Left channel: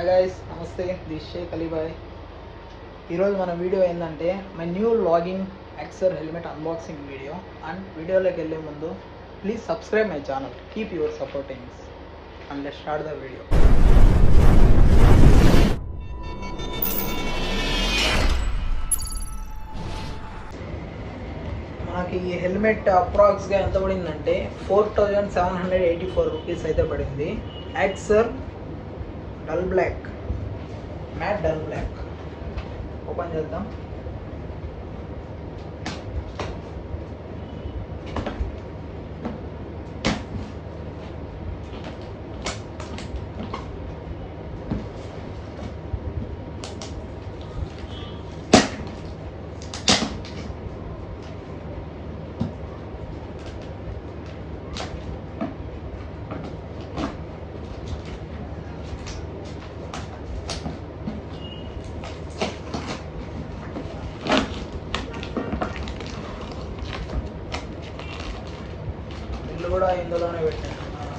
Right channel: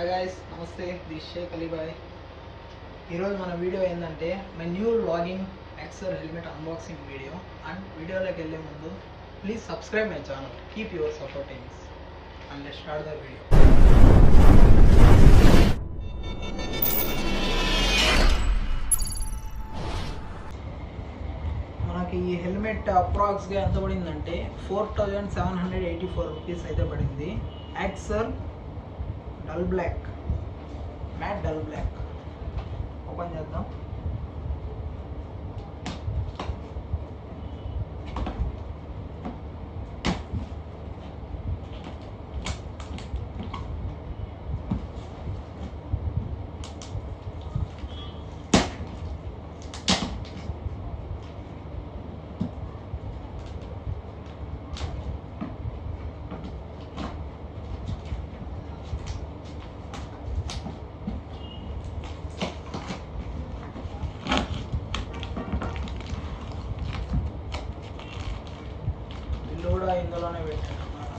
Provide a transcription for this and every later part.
Hi guys, నమస్తే. This Shaik Alibhai. ఈరోజు మన వీడియో ఏంటంటే my new logging Axor helmet unboxing video. And వీడియోలోకి వెళ్ళే ముందు please subscribe my channel, keep your supportings and let's start the video. మనకి ఈ హెల్మెట్ అప్రాక్స్గా ఎంత పడిందంటే 4784 రూపీస్ అయితే పడింది. Axor dull black, matte dull black. Open చేద్దాం. కూడా ఇందులోనే పెట్టినట్టున్నారు.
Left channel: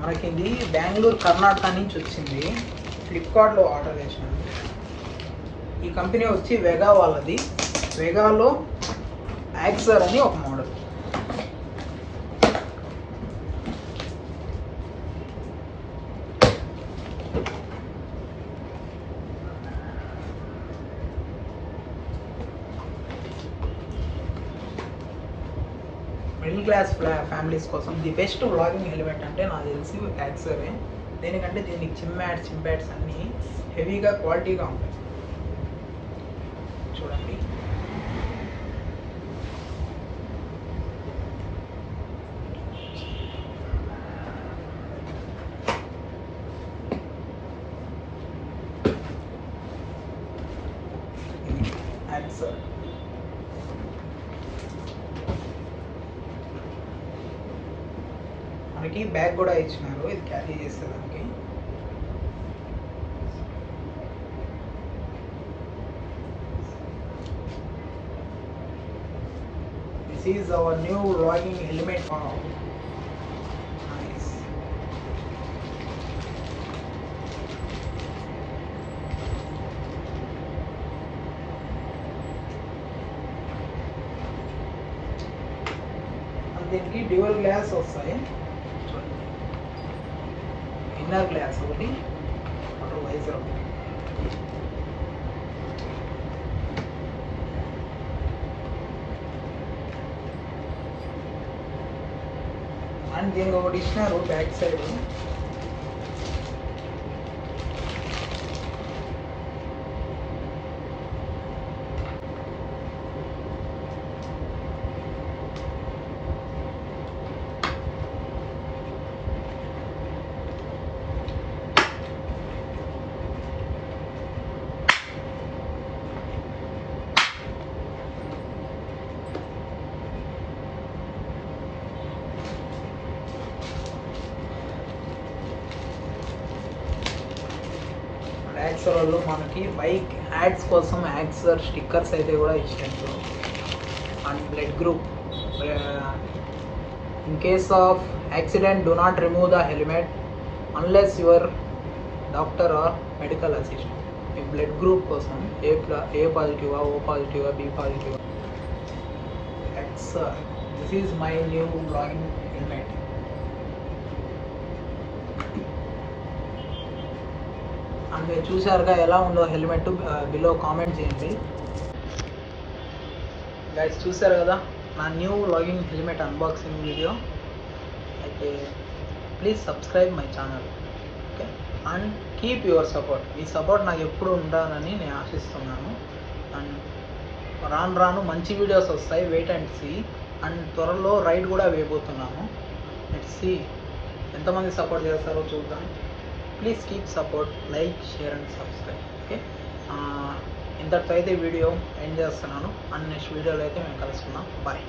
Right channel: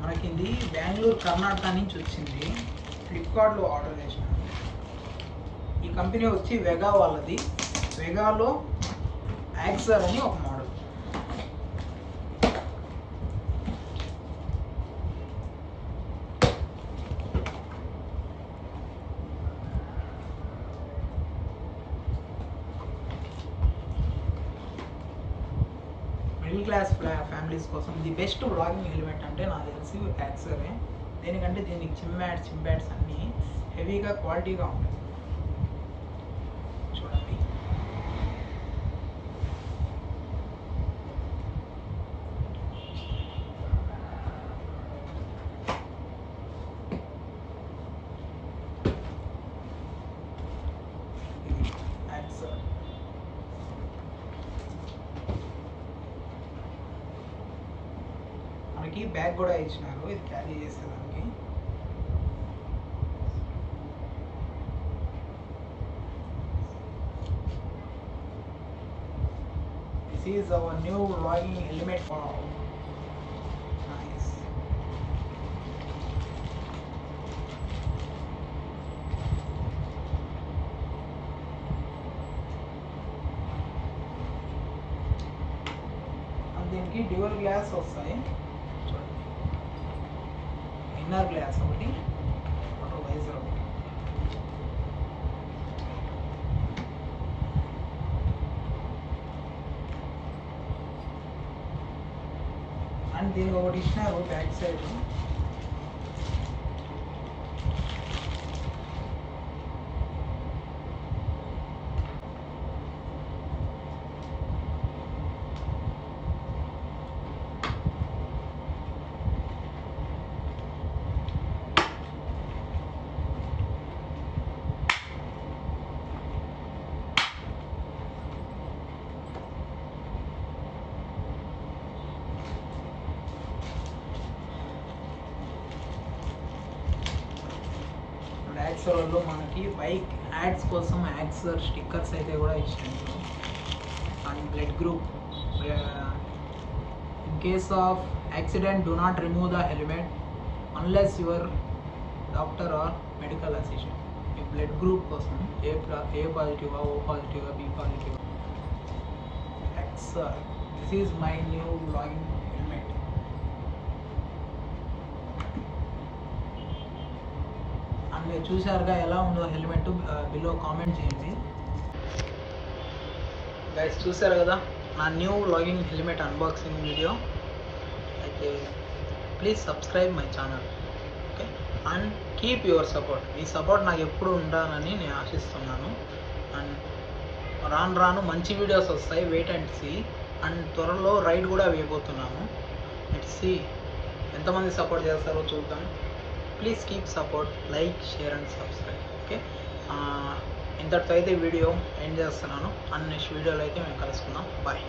మనకి ఇది బెంగళూరు, కర్ణాటక నుంచి వచ్చింది. ఫ్లిప్కార్ట్లో ఆర్డర్ చేసినాను. ఈ కంపెనీ వచ్చి వెగా వాళ్ళది. వెగాలో యాక్సర్ అని ఒక మోడల్. మిడిల్ క్లాస్ ఫ్యామిలీస్ కోసం ది బెస్ట్ వ్లాగింగ్ హెల్మెట్ అంటే నాకు తెలిసి యాక్సరే. దేనికంటే దీనికి చింపాడ్స్ అన్నీ హెవీగా క్వాలిటీగా ఉంటాయి. చూడండి, యాక్సర్. మనకి బ్యాగ్ కూడా ఇచ్చినారు, ఇది క్యారీ చేసేదానికి. This is our new logging helmet. Nice. దీనికి డ్యూయల్ గ్లాస్ వస్తాయి. ఇన్నర్ గ్లాస్ ఒకటి, వాటర్ వైజర్ ఒకటి. అండ్ దీనికి ఒకటి ఇచ్చినారు బ్యాక్ సైడ్. యాక్సర్ వాళ్ళు మనకి బైక్ యాడ్స్ కోసం యాక్సర్ స్టిక్కర్స్ అయితే కూడా ఇచ్చారు. And blood group, in case of accident do not remove the helmet unless your doctor or medical assistant. ఈ బ్లడ్ గ్రూప్ కోసం ఏ పాజిటివా, ఓ పాజిటివా, బి పాజిటివా. Axor, this is my new blogging helmet. And మీరు చూసారుగా ఎలా ఉందో helmet, below comment చేయండి. గైస్, చూసారు కదా నా new logging helmet unboxing video. అయితే ప్లీజ్ సబ్స్క్రైబ్ మై ఛానల్, ఓకే? And keep your support. మీ సపోర్ట్ నాకు ఎప్పుడు ఉండాలని నేను ఆశిస్తున్నాను. అండ్ రాను మంచి వీడియోస్ వస్తాయి, వెయిట్ అండ్ సీ. అండ్ త్వరలో రైడ్ కూడా వేయబోతున్నాను. లెట్స్ సీ ఎంతమంది సపోర్ట్ చేస్తారో చూద్దాం. Please keep support, like, share and subscribe, okay? ఇంతటితో అయితే వీడియో ఎండ్ చేస్తున్నాను. అండ్ నెక్స్ట్ వీడియోలో అయితే మేము కలుసుకుందాం. బాయ్.